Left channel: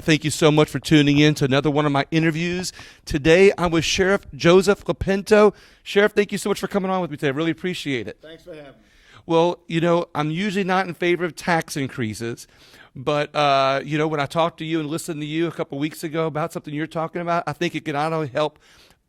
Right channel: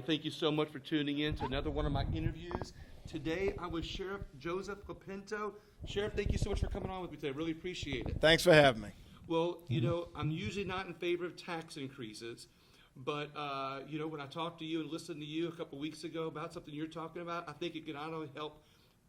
Thank you so much for tuning in to another one of my interviews. Today, I'm with Sheriff Joseph Lopinto. Sheriff, thank you so much for coming on with me today. I really appreciate it. Thanks for having me. Well, I'm usually not in favor of tax increases, but, when I talked to you and listened to you a couple weeks ago about something you're talking about, I think it can not only help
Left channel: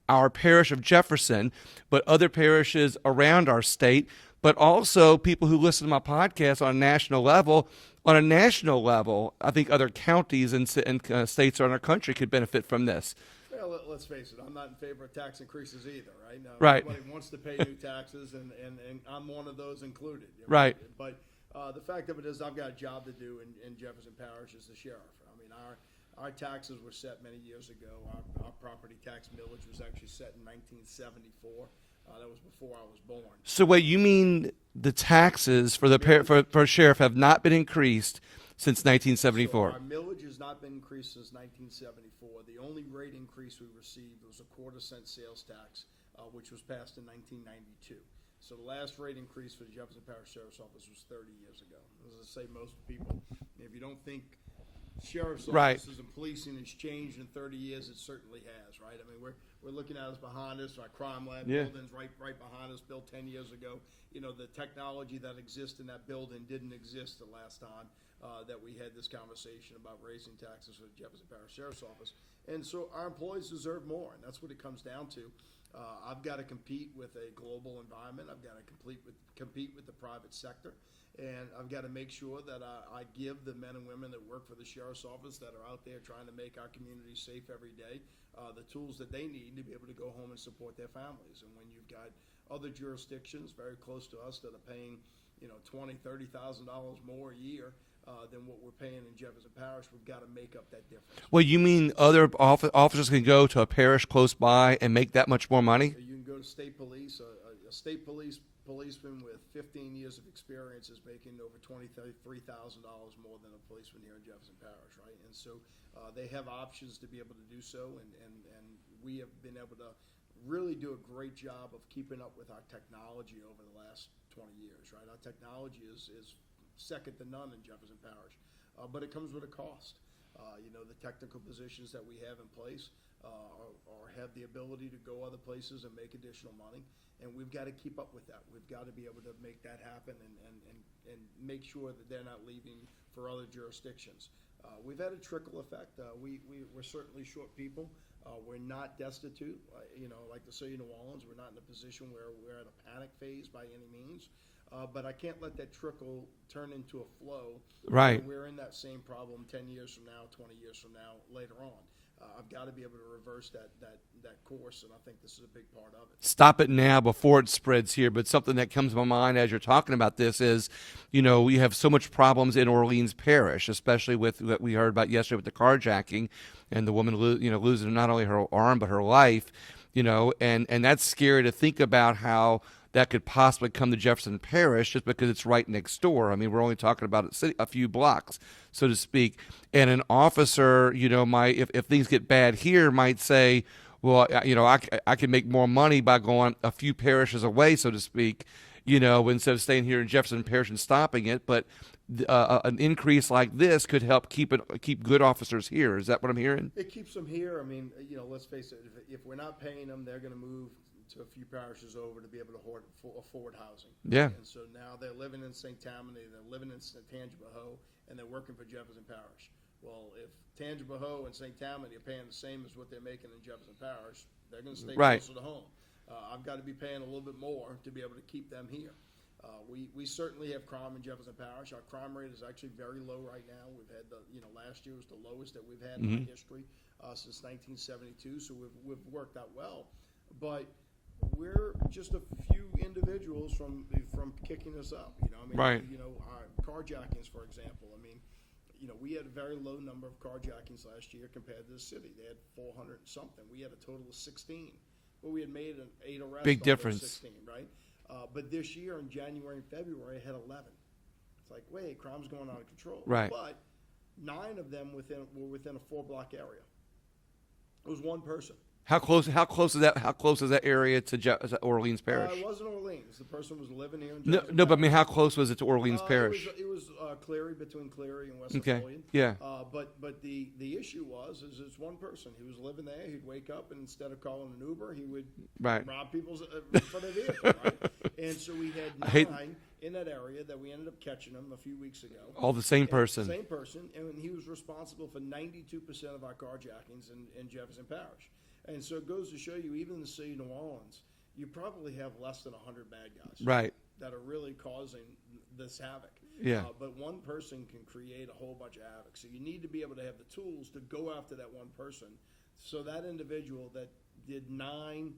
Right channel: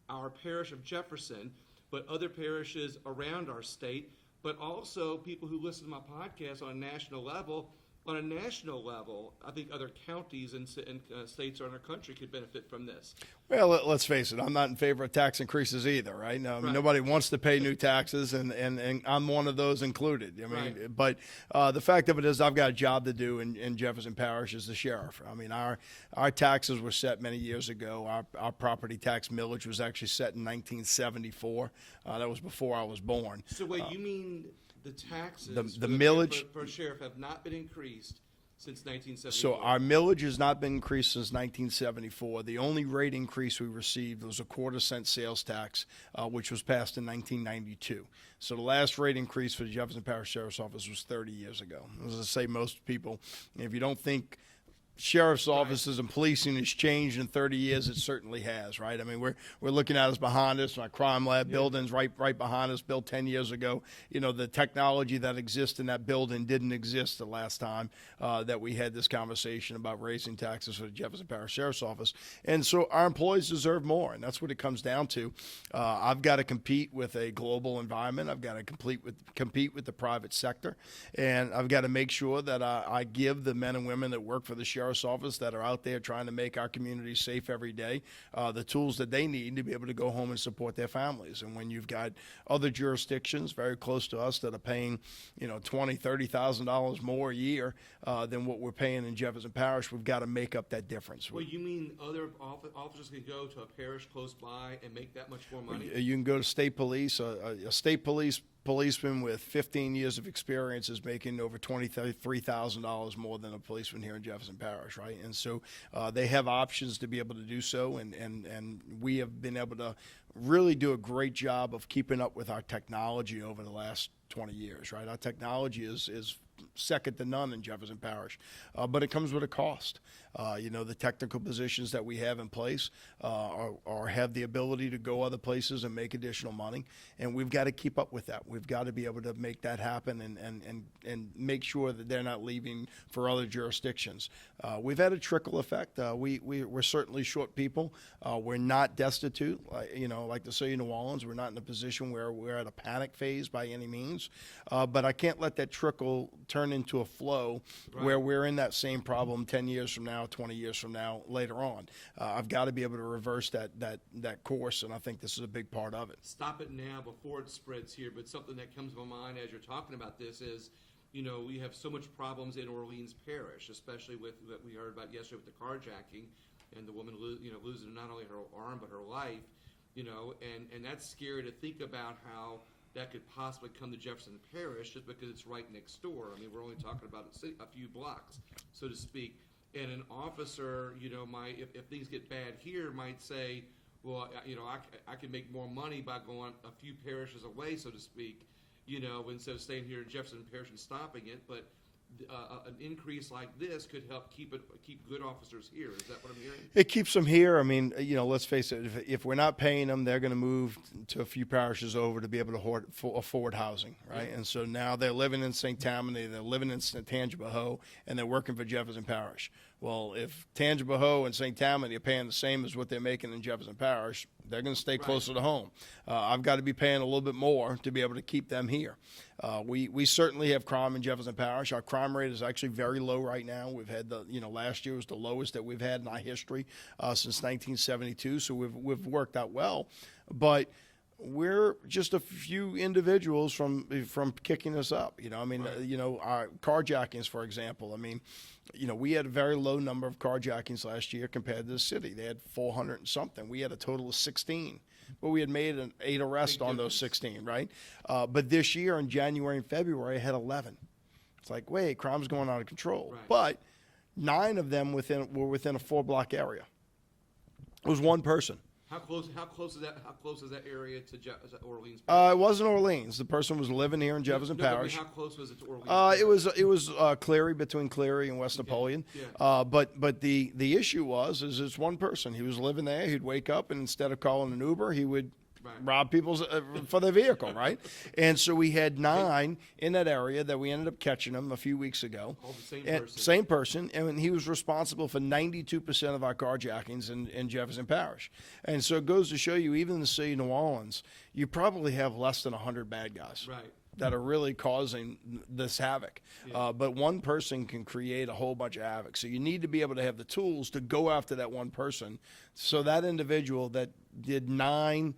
our parish of Jefferson, but other parishes around our state, but also people who listen to my podcast on a national level. On a national level, I think other counties and states around our country could benefit from this. Well, let's face it, I'm not in favor of tax increases either, right? No, right. Nobody wants to pay new taxes, and I'm one of those included. Right. But the fact of it is I've got a job to do in Jefferson Parish as the sheriff. I mean, our taxes were set many years ago. Our property tax millage was actually set in 1974. That was before I was born. So wait, you mean the taxes for for sheriff have not been increased since 1974? So our millage has not been increased since 1974. The only rate increase we received was a 1/4-cent sales tax, which was passed in 1992. So the last rate increase for the Jefferson Parish Sheriff's Office was 30 years ago. As I say, most people, if you don't think sheriff's offices and policing has changed in 30 years, it certainly has, right? I mean, we're looking at us behind us, our crime lab building's right behind us, built 10 years ago. The technology that exists in that building didn't exist the last time that we had this conversation about raising taxes for the Jefferson Parish Sheriff's Office. And so our employees deserve more, and that's what it comes down to. I've got to compete with a global environment. I've got to compete with the private sector, and I've got to make sure that I give the men and women that work for the Sheriff's Office that are out there trying to make our community safe every day the tools that they need to be able to go home and support their families. And when you've got other jurisdictions very close to us that are paying $20,000, $30,000 more a year than what we're paying in Jefferson Parish, we've got to make up that difference. Well, you mean other officers can go to a parish close by and make that much more money? You can go to state police. A state policeman with 15 years of experience is making over $23,000 more than a policeman here in Jefferson Parish, right? And so they have options to be able to do so, and we have been able to really do a great job of keeping up with our technology over the last 20 years, right? Our technology is second to none in Jefferson Parish, but it comes with a cost. The technical positions that we have in place have the ability to go other places and make additional money, and we've got to keep up with that. We've got to be able to make that happen and make sure that they're not leaving for other jurisdictions. We've had a trickle effect. We're certainly short people. We're not destitute. Like the city of New Orleans, we're not in a position where we're at a panic phase by any means. But I can't let that trickle turn into a flow where we're in that same problem 10 years from now, 20 years from now, later on. I've got to be able to reverse that course, and I think this is a big part of it. Stop it now before it spreads here. But something that comes to my mind as you're talking about this is, we have so much problems in Orleans Parish, especially with what we heard about yesterday with the carjacking and the woman losing not only her arm but her life, and that's scary to think about how that could possibly come to Jefferson Parish just because it's right next door. I mean, we're only talking about a few blocks, so to speak. And an officer, might, if things get bad here, might say, well, I can make more money by going a few parishes away, so to speak, instead of staying here in Jefferson Parish and stopping it. But an increase like this could help keep good officers here. Is that what I'm hearing? It keeps them here. I mean, let's face it. If we're not paying them, they're going to move to a few parishes over to be able to afford housing. Right? Yeah. And so now they're living in St. Tammany, they're living in Tangipahoa, and they're working for Jefferson Parish. Well, if Tangipahoa and St. Tammany are paying the same as what they're making in Jefferson Parish, they're going to stay closer to home. I've got to be paying a little bit more to be able to keep them here. We certainly have crime in Jefferson Parish. Our crime rate is actually very low right now. We've had last year was the lowest that we've had in our history since 1972. So we've worked out well, but we're just a few individuals from kicking us up. Our carjackings, for example. I mean, we had a very low number of carjackings last year compared to the city. They had 400 and something. We had a total of 16. But we had made 8 arrests on those 16, right? But this year in January and February, I had 11. It's like, wait, crime's going out of control. Right. But 9 of them were within a 4-block area. It was one person. How close is that? How close is that area to is that Orleans Parish? It wasn't Orleans. The person was living here in Jefferson No, Parish. but I mean, how close was it to Orleans Parish? It was Cleary, between Cleary and West Napoleon. Yeah. But the issue is it's one person. He was living there. He'd wake up, and instead of calling an Uber, he would rob people for their vehicle, right? And so we had 9 in that area that we ended up catching him a few weeks ago. All the same person. Same person, and he was responsible for 92% of our carjackings in Jefferson Parish. And so it goes to show you, even in the city of New Orleans, you probably have less than 100 bad guys. Right. That are really causing this havoc. Yeah. But one person can create a whole bunch of havoc. So you need to be able to have the tools to go after that one person. So that individual that did 9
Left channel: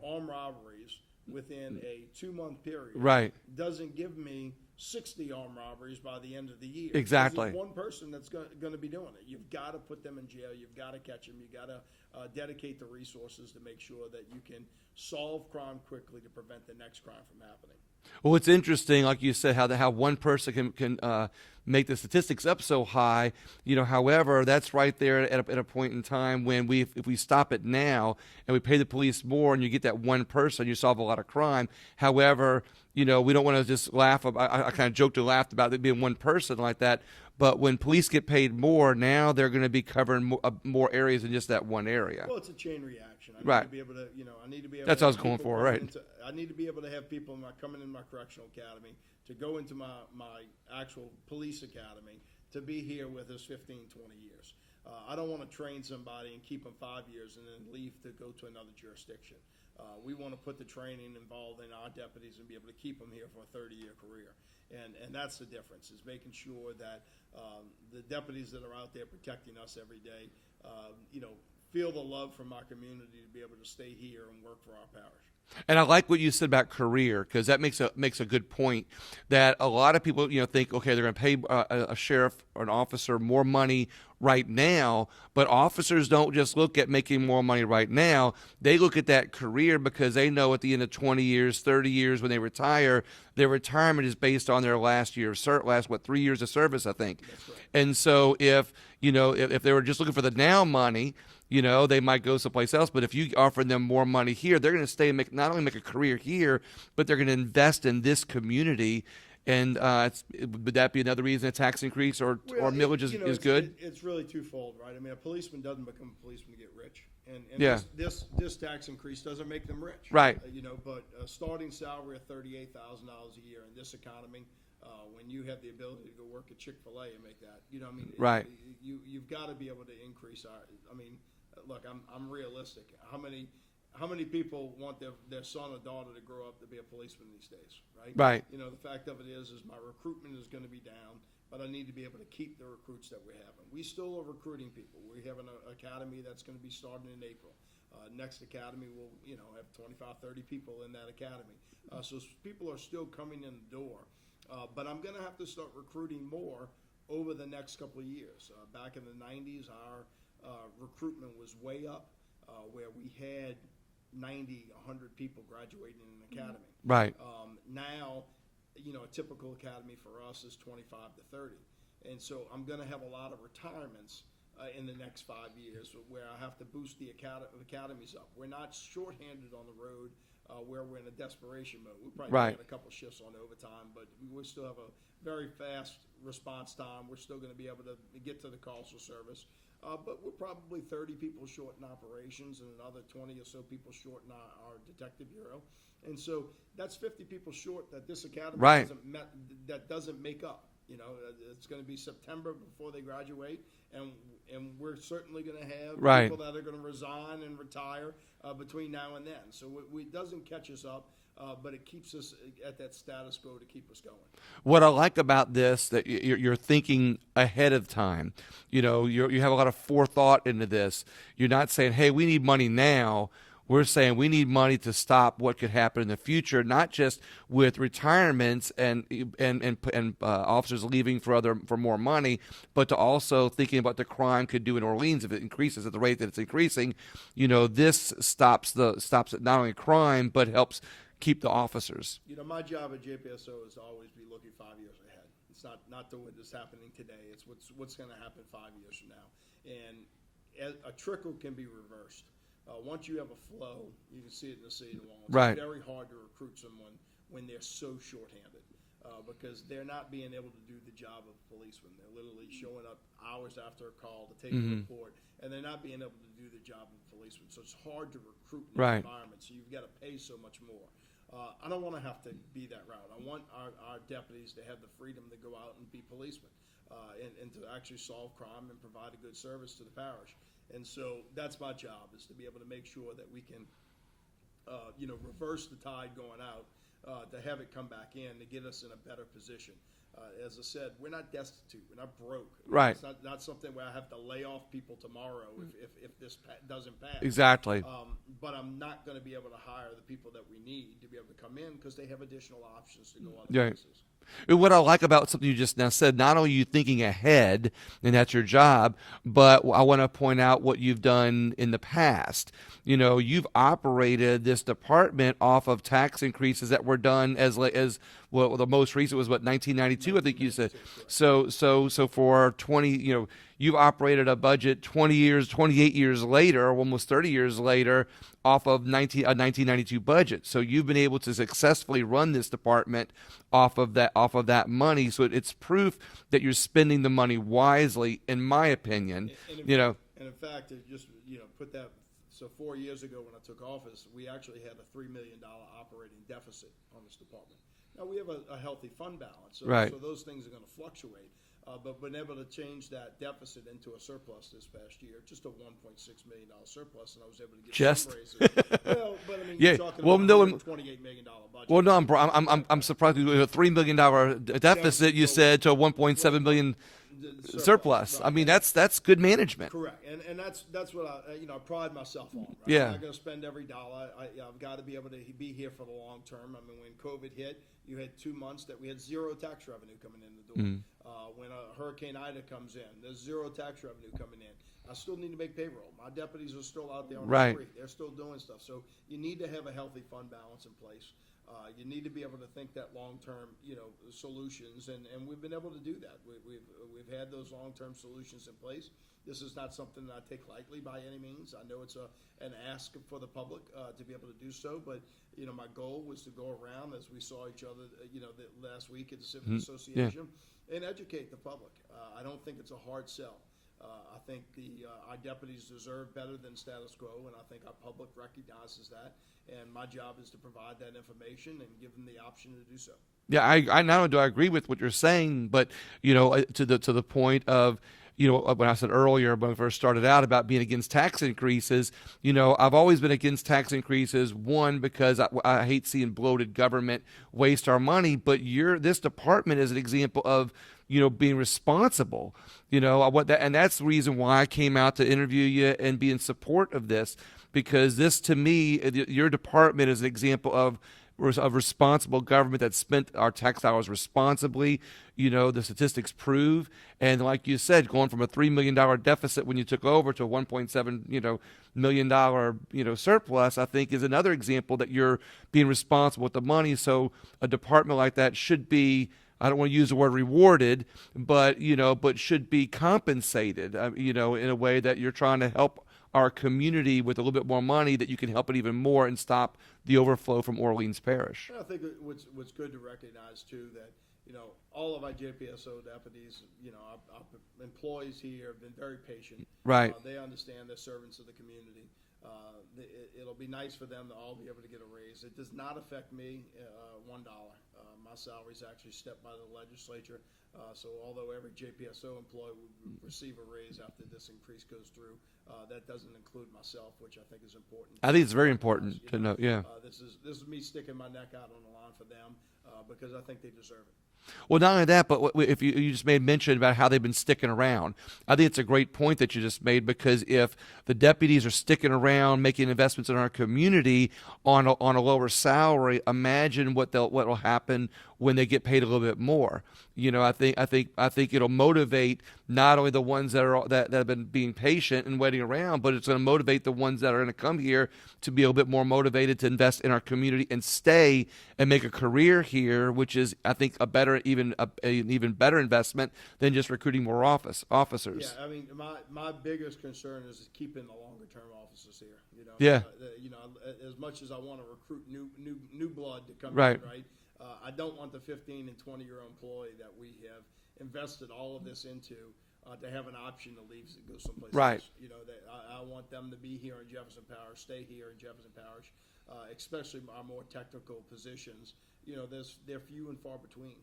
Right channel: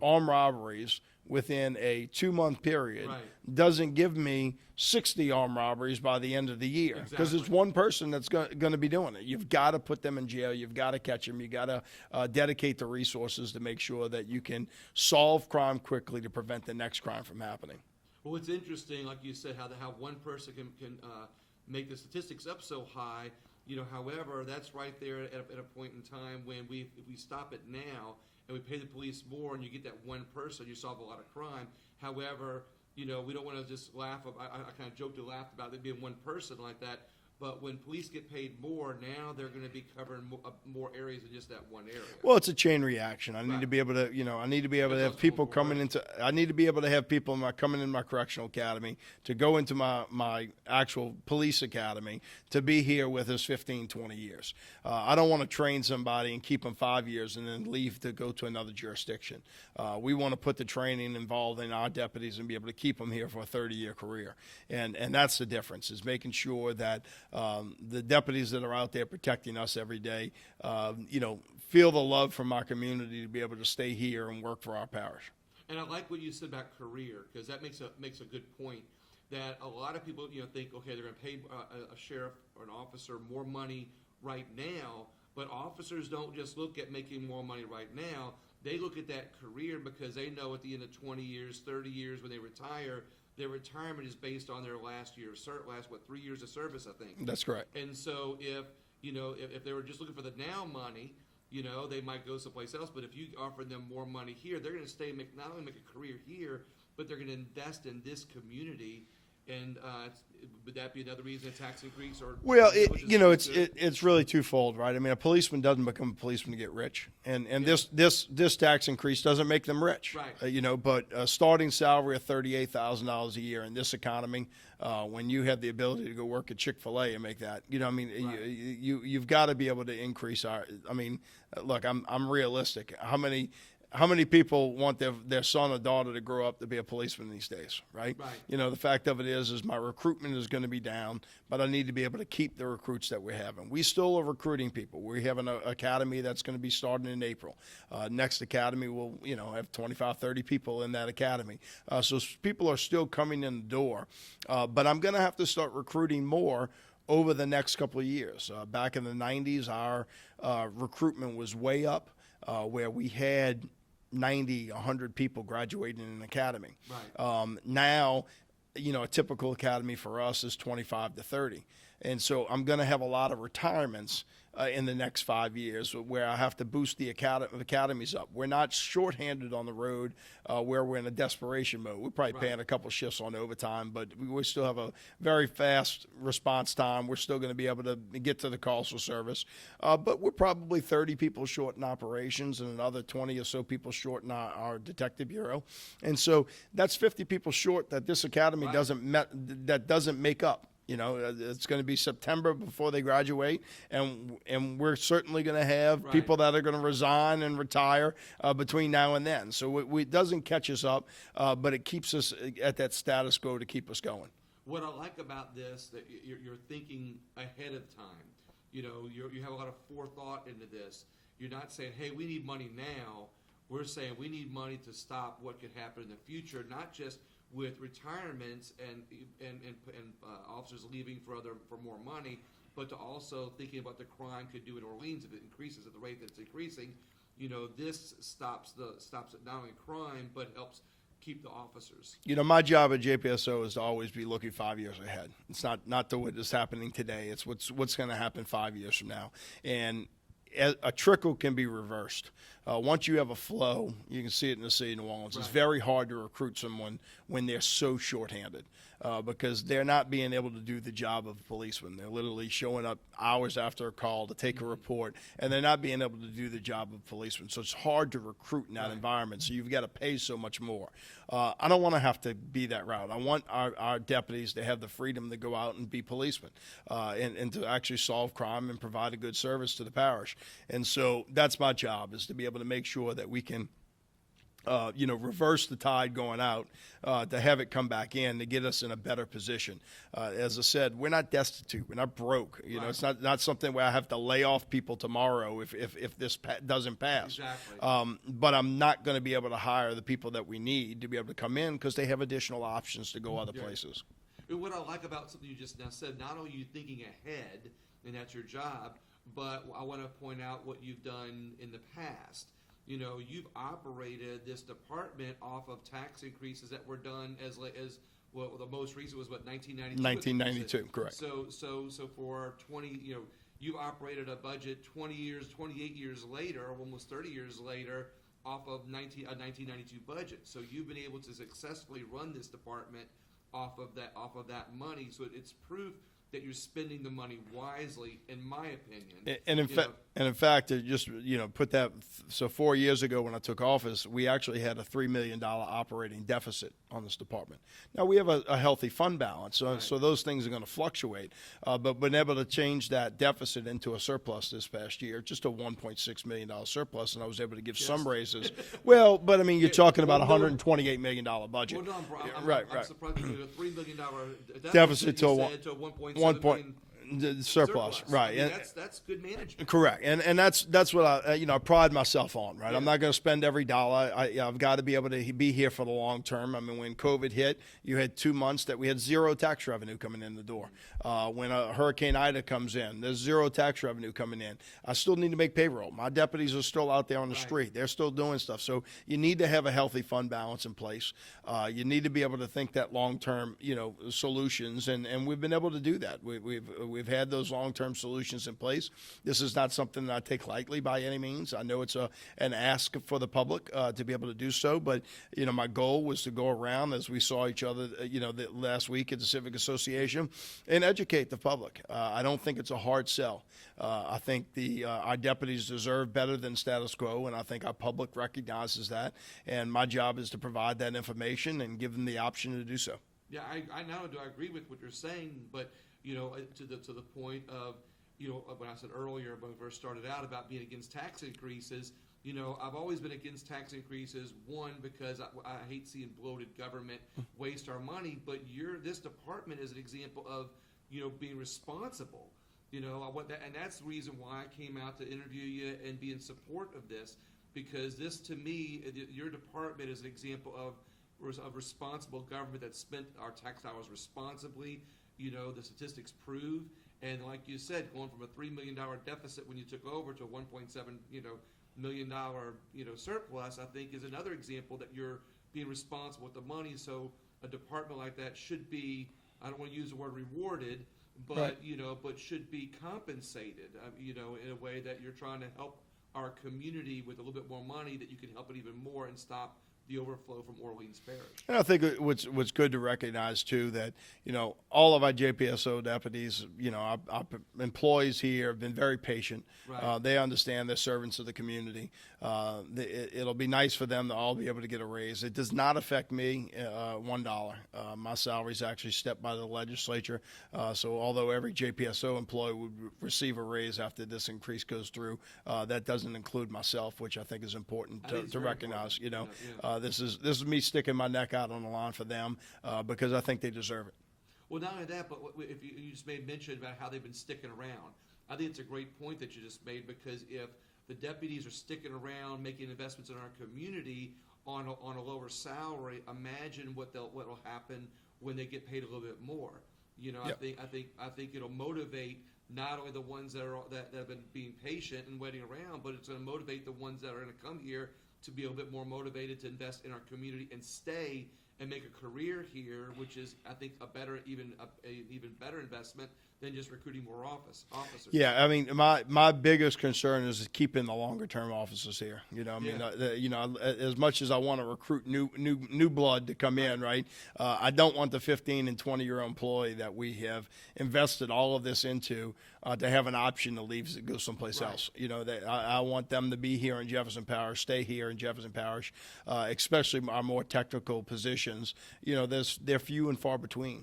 armed robberies within a 2-month period doesn't give me 60 armed robberies by the end of the year. Exactly. Because it's one person that's going to be doing it. You've got to put them in jail. You've got to catch them. You've got to dedicate the resources to make sure that you can solve crime quickly to prevent the next crime from happening. Well, it's interesting, like you said, how one person can make the statistics up so high. However, that's right there at a point in time when if we stop it now and we pay the police more and you get that one person, you solve a lot of crime. However, we don't want to just laugh. I kind of joked and laughed about it being one person like that. But when police get paid more, now they're going to be covering more areas than just that one area. Well, it's a chain reaction. I need to be able to, I need to be able to have people coming into. I need to be able to have people coming in my correctional academy to go into my actual police academy to be here with us 15, 20 years. I don't want to train somebody and keep them 5 years and then leave to go to another jurisdiction. We want to put the training involved in our deputies and be able to keep them here for a 30-year career. And that's the difference, is making sure that the deputies that are out there protecting us every day, feel the love from our community to be able to stay here and work for our parish. And I like what you said about career, because that makes a good point. That a lot of people think, okay, they're going to pay a sheriff or an officer more money right now, but officers don't just look at making more money right now. They look at that career because they know at the end of 20 years, 30 years when they retire, their retirement is based on their last year of 3 years of service, I think. That's correct. And so if they were just looking for the now money, they might go someplace else. But if you offer them more money here, they're going to stay and not only make a career here, but they're going to invest in this community. And would that be another reason a tax increase or millage is good? It's really twofold, right? I mean, a policeman doesn't become a policeman to get rich, and Yeah. this tax increase doesn't make them rich, Right? But a starting salary of $38,000 a year in this economy, when you have the ability to go work at Chick-fil-A and make that, Right. You've got to be able to increase our. I mean, look, I'm realistic. How many people want their son or daughter to grow up to be a policeman these days, right? Right. The fact of it is my recruitment is going to be down, but I need to be able to keep the recruits that we're having. We still are recruiting people. We have an academy that's going to be starting in April. Next academy will, have 25, 30 people in that academy. So people are still coming in the door, but I'm going to have to start recruiting more over the next couple of years. Back in the 90s, our recruitment was way up, where we had 90, 100 people graduating in an academy. Right. Now, a typical academy for us is 25 to 30. And so I'm going to have a lot of retirements in the next 5 years where I have to boost the academies up. We're not shorthanded on the road where we're in a desperation mode. We're probably paying a couple shifts on overtime, but we still have a very fast response time. We're still going to be able to get to the calls for service. But we're probably 30 people short in operations and another 20 or so people short in our detective bureau. And so that's 50 people short that this academy doesn't make up. It's going to be September before they graduate, and we're certainly going to have people that are going to resign and retire between now and then. So it doesn't catch us up, but it keeps us at that status quo to keep us going. What I like about this, that you're thinking ahead of time. You have a lot of forethought into this. You're not saying, hey, we need money now. We're saying we need money to stop what could happen in the future, not just with retirements and officers leaving for more money, but to also thinking about the crime could do in Orleans if it increases at the rate that it's increasing. This stops not only crime but helps keep the officers. My job at JPSO is to always be looking 5 years ahead. It's not to what is happening today. It's what's going to happen 5 years from now. And a trickle can be reversed. Once you have a flow, you can see it in the city of New Orleans. Right. It's very hard to recruit someone when they're so shorthanded. Because they're not being able to do the job of a policeman. They're literally showing up hours after a call to take a report, and they're not being able to do the job of a policeman. So it's hard to recruit in that Right. environment. So you've got to pay so much more. I don't want to have to be that route. I want our deputies to have the freedom to go out and be policemen and to actually solve crime and provide a good service to the parish. And so that's my job, is to be able to make sure that we can reverse the tide going out, to have it come back in, to get us in a better position. As I said, we're not destitute. We're not broke. You know, Right. it's not something where I have to lay off people tomorrow if this doesn't pass. Exactly. But I'm not going to be able to hire the people that we need to be able to come in because they have additional options to go other Yeah. places. And what I like about something you just now said, not only are you thinking ahead, and that's your job, but I want to point out what you've done in the past. You know, you've operated this department off of tax increases that were done as well. The most recent was what, 1992, I think you said. 1992, correct. So for 20, you've operated a budget 28 years later, almost 30 years later, off of a 1992 budget. So you've been able to successfully run this department off of that money. So it's proof that you're spending the money wisely, in my opinion. And in fact, to just put that. So 4 years ago when I took office, we actually had a $3 million operating deficit on this department. Now we have a healthy fund balance, so those things are going to fluctuate. But been able to change that deficit into a surplus this past year, just a $1.6 million surplus, and I was able to give some raises. Well, but I mean, you're talking about a $128 million budget. Well, no, I'm surprised with a $3 million deficit. You said to a $1.7 million surplus. Right. I mean, that's good management. Correct, and that's what I pride myself on. Right, Yeah. I'm not going to spend every dollar. I've got to be able to be here for the long term. I mean, when COVID hit, you had 2 months that we had zero tax revenue coming in the door. When a Hurricane Ida comes in, there's zero tax revenue coming in. I still need to make payroll. My deputies are still out there on the street. They're still doing stuff. So you need to have a healthy fund balance in place. You need to be able to think that long-term, solutions, and we've been able to do that. We've had those long-term solutions in place. This is not something that I take lightly by any means. I know it's an ask for the public to be able to do so, but my goal was to go around, as we saw each other, last week at the Civic Association, and educate the public. I don't think it's a hard sell. I think our deputies deserve better than status quo, and I think our public recognizes that. And my job is to provide that information and give them the option to do so. Yeah, I not only do I agree with what you're saying, but to the point of when I said earlier when I first started out about being against tax increases, I've always been against tax increases. One, because I hate seeing bloated government waste our money, but this department is an example of being responsible. And that's the reason why I came out to interview you and be in support of this, because this, to me, your department is an example of responsible government that spent our tax dollars responsibly. The statistics prove. And like you said, going from a $3 million deficit when you took over to a $1.7 million surplus, I think is another example that you're being responsible with the money. So a department like that should be, I don't want to use the word rewarded, but should be compensated, in a way that you're trying to help our community with a little bit more money, that you can help it even more and stop the overflow from Orleans Parish. And I think what's good to recognize too, that all of our JPSO deputies, our employees here have been very patient. Right. They understand they're servants of the community. It'll be nice for them to all be able to get a raise. It does not affect me $1. My salary is actually stepped by the legislature. So although every JPSO employee would receive a raise after this increase goes through, that doesn't include myself, which I think is important. I think it's very recognize, important to know. Yeah. This is me sticking my neck out on the line for them because I think they deserve it. Well, not only that, but if you just made mention about how they've been sticking around, I think it's a great point that you just made, because if the deputies are sticking around, making investments in our community on a lower salary, imagine what will happen when they get paid a little bit more. I think it'll motivate not only the ones that have been being patient and waiting around, but it's going to motivate the ones that are going to come here to be a little bit more motivated to invest in our community and stay and make a career here, which is, I think, an even better investment than just recruiting more officers. Yeah, I mean, my biggest concern is keeping the longer term officers here. As much as I want to recruit new blood to come in, right? I don't want the 15 and 20-year-old employee that we have invested all of this into to have an option to leave to go someplace else. I want them to be here in Jefferson Parish, stay here in Jefferson Parish, especially our more technical positions. They're few and far between.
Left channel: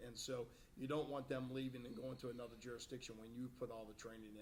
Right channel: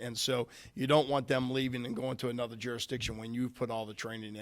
And so you don't want them leaving and going to another jurisdiction when you've put all the training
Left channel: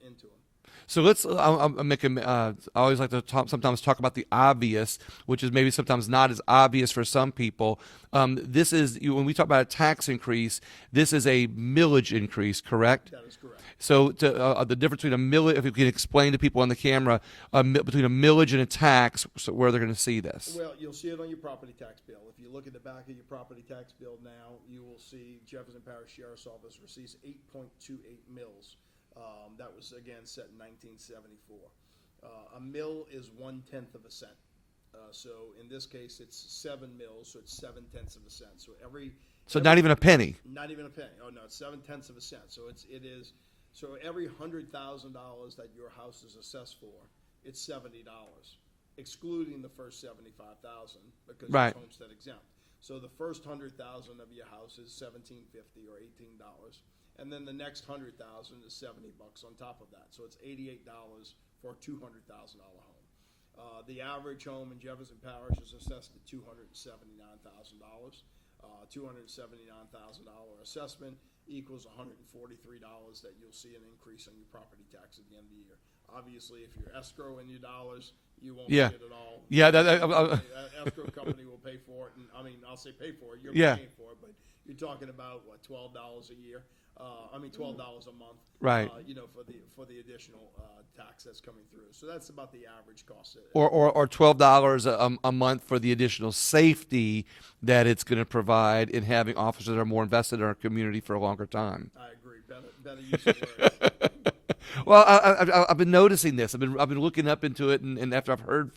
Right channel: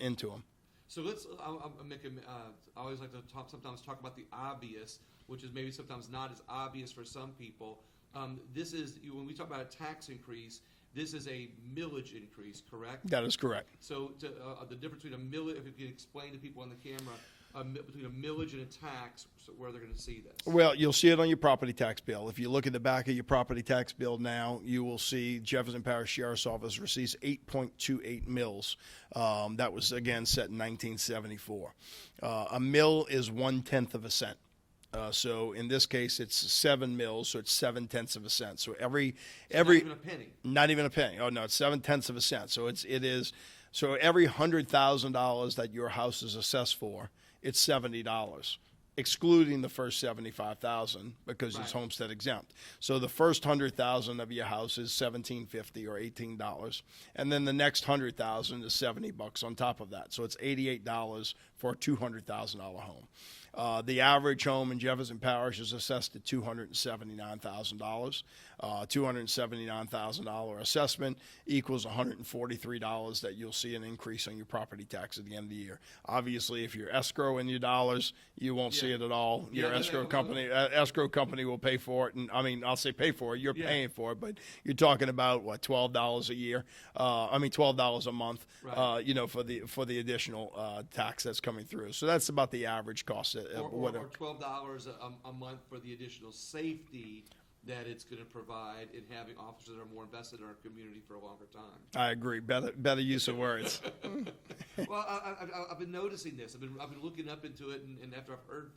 into them. So I always like to sometimes talk about the obvious, which is maybe sometimes not as obvious for some people. This is, when we talk about a tax increase, this is a millage increase, correct? That is correct. So the difference between a millage, if you can explain to people on the camera, between a millage and a tax, so where they're going to see this. Well, you'll see it on your property tax bill. If you look at the back of your property tax bill now, you will see Jefferson Parish Sheriff's Office receives 8.28 mills. That was, again, set in 1974. A mill is 1/10 of a cent. So in this case, it's 7 mills, so it's 7/10 of a cent. So not even a penny. Not even a penny. Oh no, it's 7/10 of a cent. So so every $100,000 that your house is assessed for, it's $70, excluding the first 75,000 because it's homestead exempt. So the first 100,000 of your house is $17.50 or $18, and then the next 100,000 is $70 on top of that. So it's $88 for a $200,000 home. The average home in Jefferson Parish is assessed at $279,000. $279,000 assessment equals $143 that you'll see an increase on your property tax at the end of the year. Obviously, if you're escrowing your dollars, you won't see it at all. Escrow company will pay for it, and I mean, I'll say pay for it. You're paying for it, but you're talking about what, $12 a year? $12 a month. Right. For the additional tax that's coming through. So that's about the average cost. Or $12 a month for the additional safety that it's going to provide in having officers that are more invested in our community for a longer time. I agree. Better use of words. Well, I've been noticing this. I've been looking up into it, and after I heard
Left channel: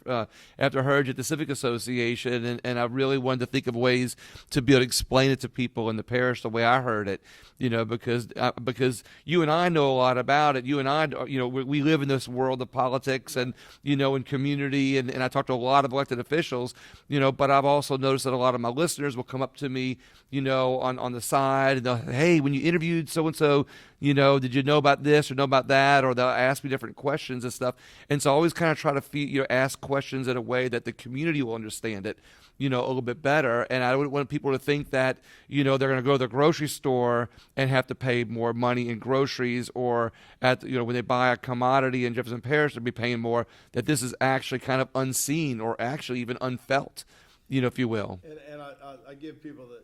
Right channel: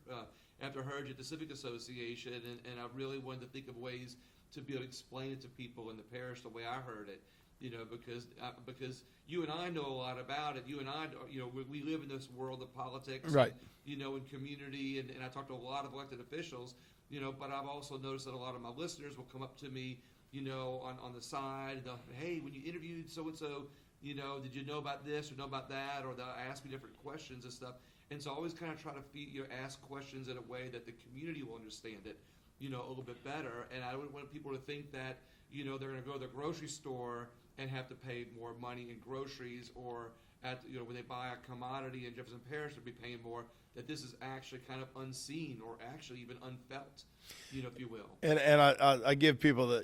you at the Civic Association, and I really wanted to think of ways to be able to explain it to people in the parish the way I heard it. Because you and I know a lot about it. You and I, we live in this world of politics and, and community. And I talk to a lot of elected officials, but I've also noticed that a lot of my listeners will come up to me, on the side and they'll, hey, when you interviewed so-and-so, did you know about this or know about that? Or they'll ask me different questions and stuff. And so I always kind of try to ask questions in a way that the community will understand it, a little bit better. And I wouldn't want people to think that, they're going to go to the grocery store and have to pay more money in groceries, or when they buy a commodity in Jefferson Parish, they'll be paying more, that this is actually kind of unseen or actually even unfelt, if you will. And I give people the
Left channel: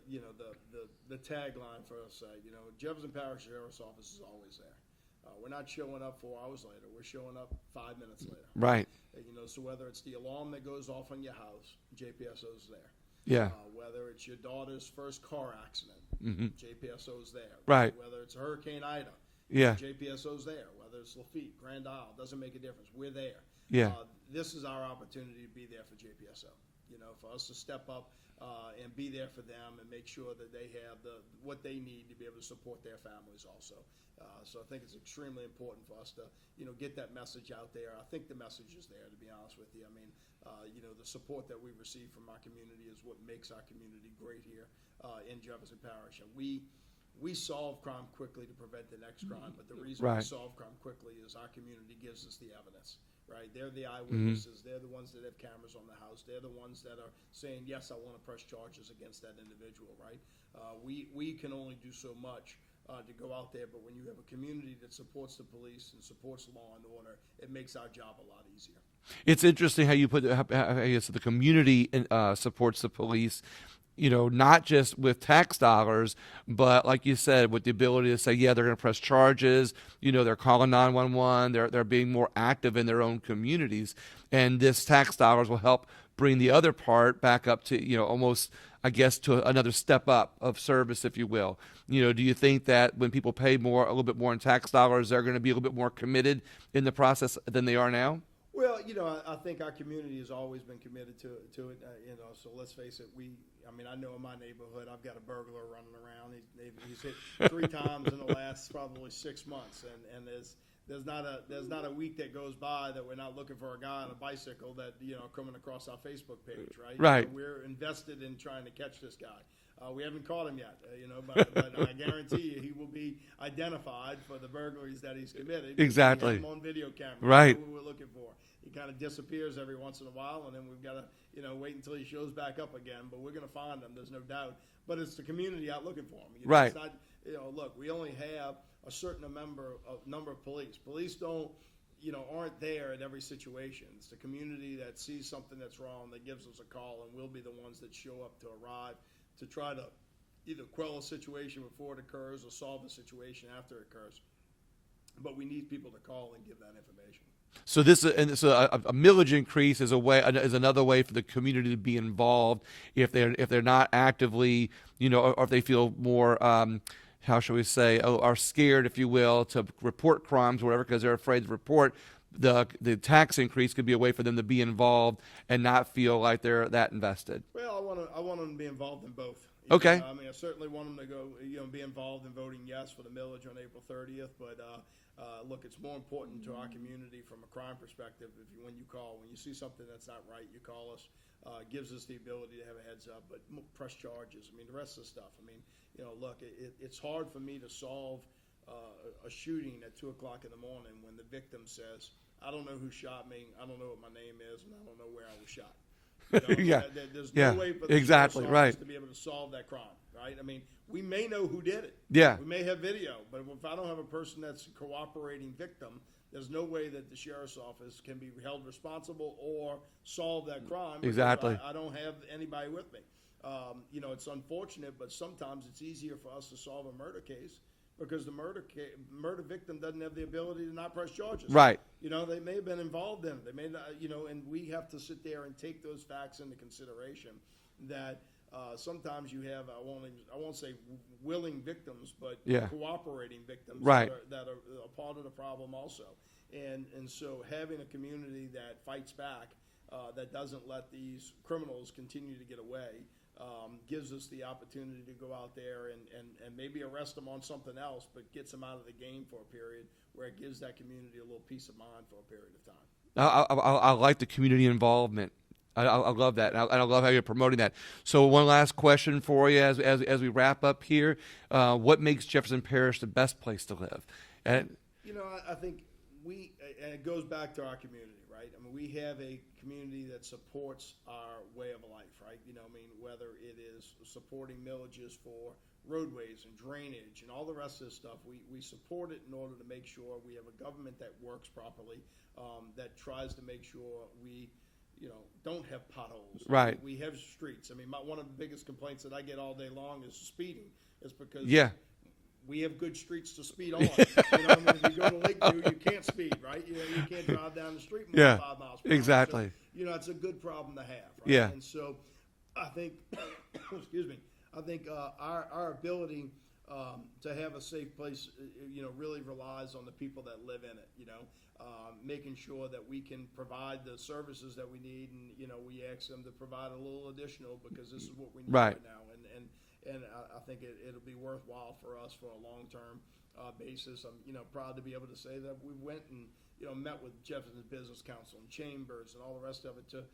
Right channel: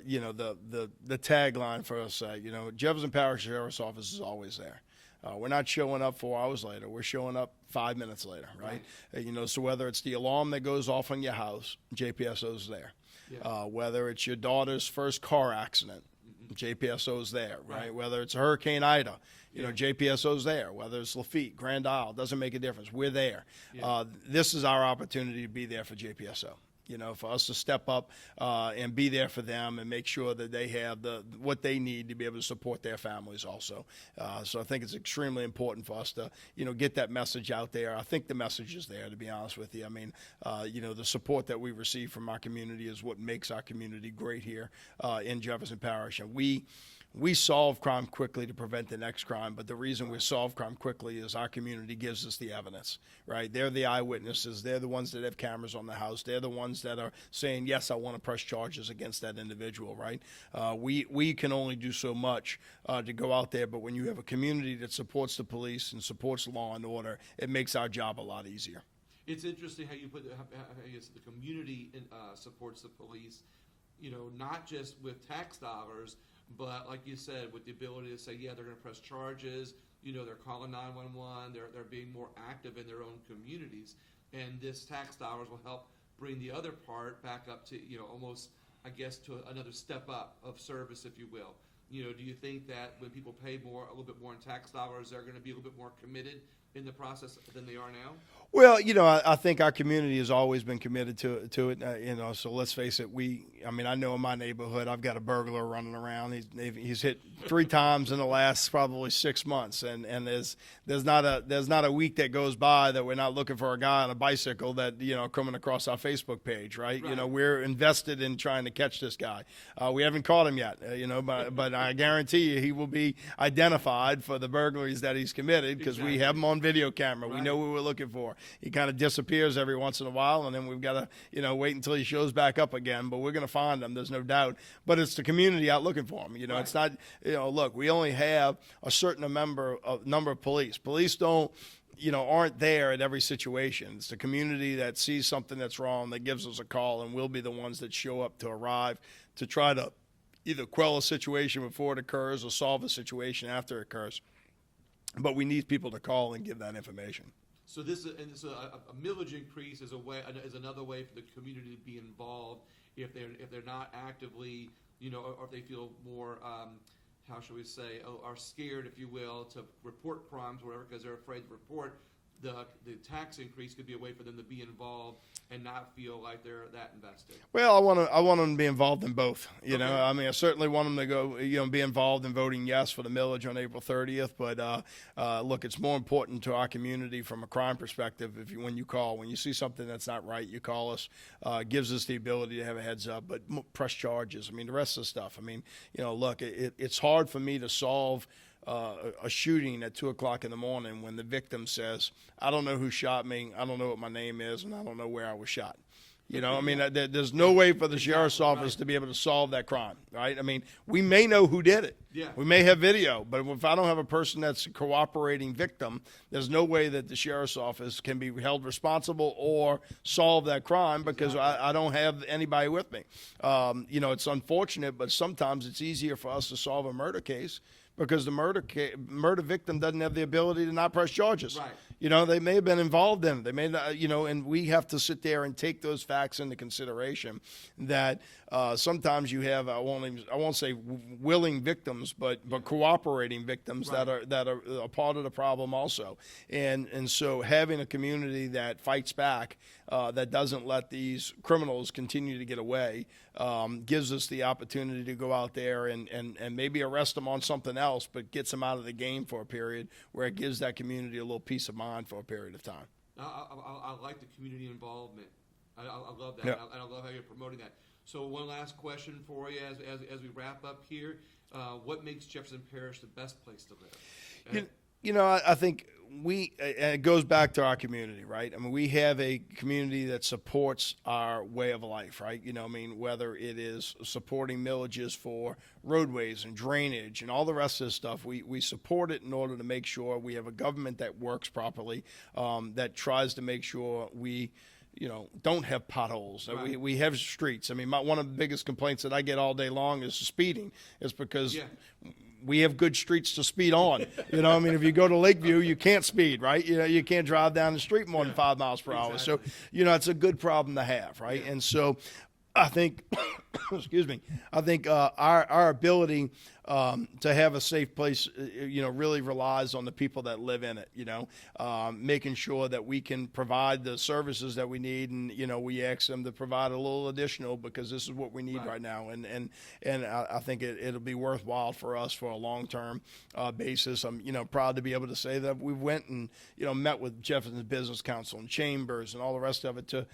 tagline for us, Jefferson Parish Sheriff's Office is always there. We're not showing up 4 hours later. We're showing up 5 minutes later. Right. So whether it's the alarm that goes off on your house, JPSO's there. Yeah. Whether it's your daughter's first car accident, JPSO's there. Right. Whether it's Hurricane Ida, yeah, JPSO's there. Whether it's Lafitte, Grand Isle, doesn't make a difference. We're there. Yeah. This is our opportunity to be there for JPSO. For us to step up and be there for them and make sure that they have what they need to be able to support their families also. So I think it's extremely important for us to, get that message out there. I think the message is there, to be honest with you. I mean, the support that we receive from our community is what makes our community great here in Jefferson Parish. And we solve crime quickly to prevent the next crime, but the reason we solve crime quickly is our community gives us the evidence, right? They're the eyewitnesses. They're the ones that have cameras on the house. They're the ones that are saying, yes, I want to press charges against that individual, right? We can only do so much to go out there, but when you have a community that supports the police and supports law and order, it makes our job a lot easier. It's interesting how you put how you said the community supports the police. Not just with tax dollars, but like you said, with the ability to say, yeah, they're going to press charges, they're calling 911, they're being more active in their own communities. And this tax dollars will help bring the other part back up to, almost, I guess, to another step up of service, if you will. do you think that when people pay a little bit more in tax dollars, they're going to be a little bit more committed in the process than they are now? Well, I think our community has always been committed to it. So let's face it. I know in my neighborhood, I've got a burglar running around. He's hit 3 times in the last probably 6 months, and there's not a week that goes by that we're not looking for a guy on a bicycle that coming across our Facebook page, right? Right. We're invested in trying to catch this guy. We haven't caught him yet, but I guarantee you he will be identified for the burglaries that he's committed because Exactly. we have him on video camera. Right. We know what we're looking for. He kind of disappears every once in a while, and then we've got to, wait until he shows back up again. But we're going to find him. There's no doubt. But it's the community out looking for him. Right. It's not, look, we only have a certain number of police. Police don't, aren't there at every situation. It's the community that sees something that's wrong that gives us a call, and we'll be the ones that show up to arrive to try to either quell a situation before it occurs or solve a situation after it occurs. But we need people to call and give that information. So a millage increase is another way for the community to be involved if they're not actively, or if they feel more, how shall we say, are scared, if you will, to report crimes or whatever because they're afraid to report. The tax increase could be a way for them to be involved and not feel like they're that invested. Well, I want them to be involved in both. Okay. I certainly want them to go, be involved in voting yes for the millage on April 30th. But look, it's more important to our community from a crime perspective. When you see something that's not right, you call us. Gives us the ability to have a heads up. But press charges. The rest of the stuff. Look, it's hard for me to solve a shooting at 2 o'clock in the morning when the victim says, I don't know who shot me, I don't know what my name is, and I don't know where I was shot. Yeah. There's no way for the sheriff's office right. to be able to solve that crime, right? We may know who did it. Yeah. We may have video, but if I don't have a person that's a cooperating victim, there's no way that the sheriff's office can be held responsible or solve that crime because Exactly. I don't have anybody with me. It's unfortunate, but sometimes it's easier for us to solve a murder case because the murder victim doesn't have the ability to not press charges. Right. They may have been involved in it. They may not, and we have to sit there and take those facts into consideration that sometimes you have, I won't say willing victims, but cooperating victims right. that are a part of the problem also. And so having a community that fights back, that doesn't let these criminals continue to get away, gives us the opportunity to go out there and maybe arrest them on something else, but gets them out of the game for a period where it gives that community a little peace of mind for a period of time. I like the community involvement. I love that, Yeah. and I love how you're promoting that. So one last question for you as we wrap up here. What makes Jefferson Parish the best place to live? And, I think and it goes back to our community, right? We have a community that supports our way of life, right? Whether it is supporting millages for roadways and drainage and all the rest of this stuff, we support it in order to make sure we have a government that works properly, that tries to make sure we don't have potholes. Right. We have streets. One of the biggest complaints that I get all day long is speeding. It's because we have good streets to speed on. If you go to Lakeview, you can't speed, right? You can't drive down the street more than 5 miles per hour. Exactly. So, it's a good problem to have, right? Yeah. And so I think, our ability to have a safe place, really relies on the people that live in it, making sure that we can provide the services that we need. And, we ask them to provide a little additional because this is what we need right now. And I think it'll be worthwhile for us for a long-term basis. I'm, proud to be able to say that we went and, met with Jefferson Business Council and chambers and all the rest of it to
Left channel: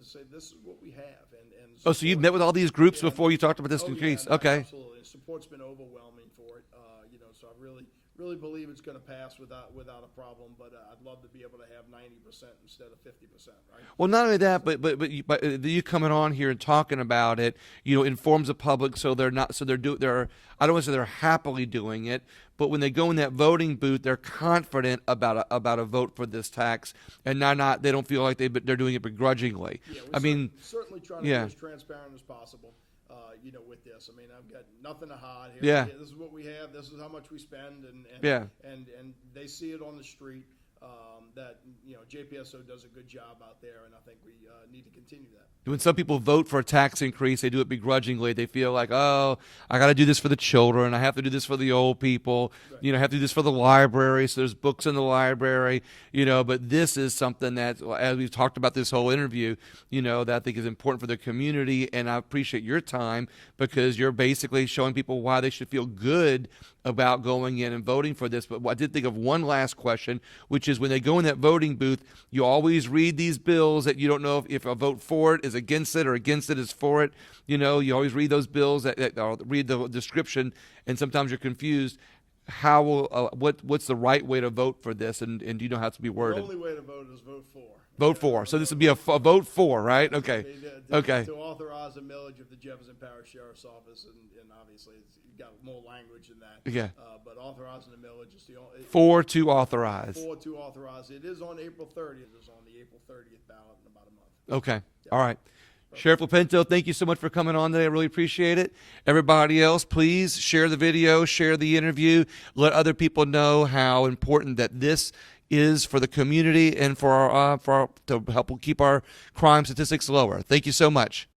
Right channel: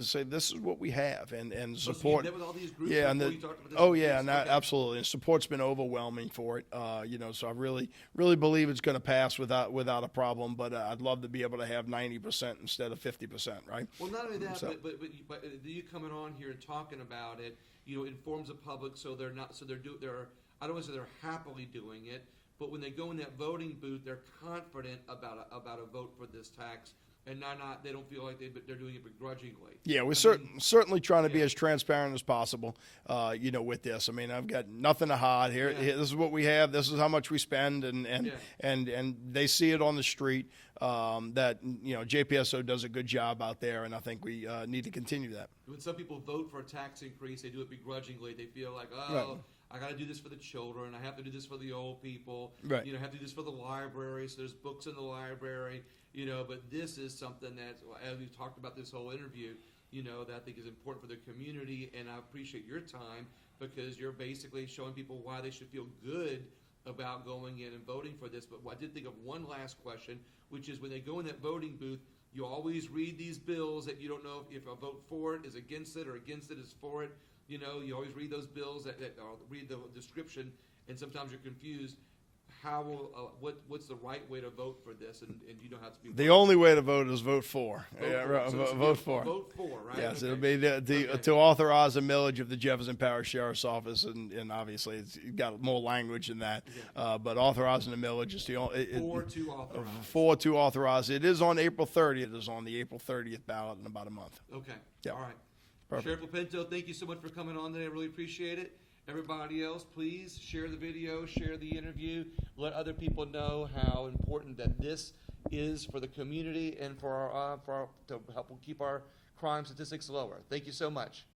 say this is what we have. And so you met with all these groups before you talked about this increase? Yeah, absolutely. And support's been overwhelming for it. So I really believe it's going to pass without a problem. But I'd love to be able to have 90% instead of 50%. Right. Well, not only that, but you coming on here and talking about it, informs the public so they're not they're I don't want to say they're happily doing it, but when they go in that voting booth, they're confident about a vote for this tax, and they don't feel like they're doing it begrudgingly. Yeah, we're certainly trying to be as transparent as possible. With this, I've got nothing to hide here. Yeah. This is what we have. This is how much we spend, and they see it on the street. that JPSO does a good job out there, and I think we need to continue that. When some people vote for a tax increase, they do it begrudgingly. They feel like, oh, I got to do this for the children. I have to do this for the old people. Right. I have to do this for the library. So there's books in the library. But this is something that, as we've talked about this whole interview, that I think is important for the community. And I appreciate your time because you're basically showing people why they should feel good about going in and voting for this. But I did think of one last question, which is when they go in that voting booth, you always read these bills that you don't know if a vote for it is against it or against it is for it. You always read those bills that read the description, and sometimes you're confused. How will what's the right way to vote for this, and do you know how to be worded? The only way to vote is vote for. Vote for. So this would be a vote for, right? Yes, okay. To authorize a millage of the Jefferson Parish Sheriff's Office, and obviously it's got more language in that. Yeah. But authorizing a millage is the only. To authorize. To authorize. It is on April 30th. It is on the April 30th ballot in about a month. Okay. Yeah. All right. Perfect. Sheriff Lopinto, thank you so much for coming on today. I really appreciate it. Everybody else, please share the video, share the interview. Let other people know how important that this is for the community and for to help keep our crime statistics lower. Thank you so much.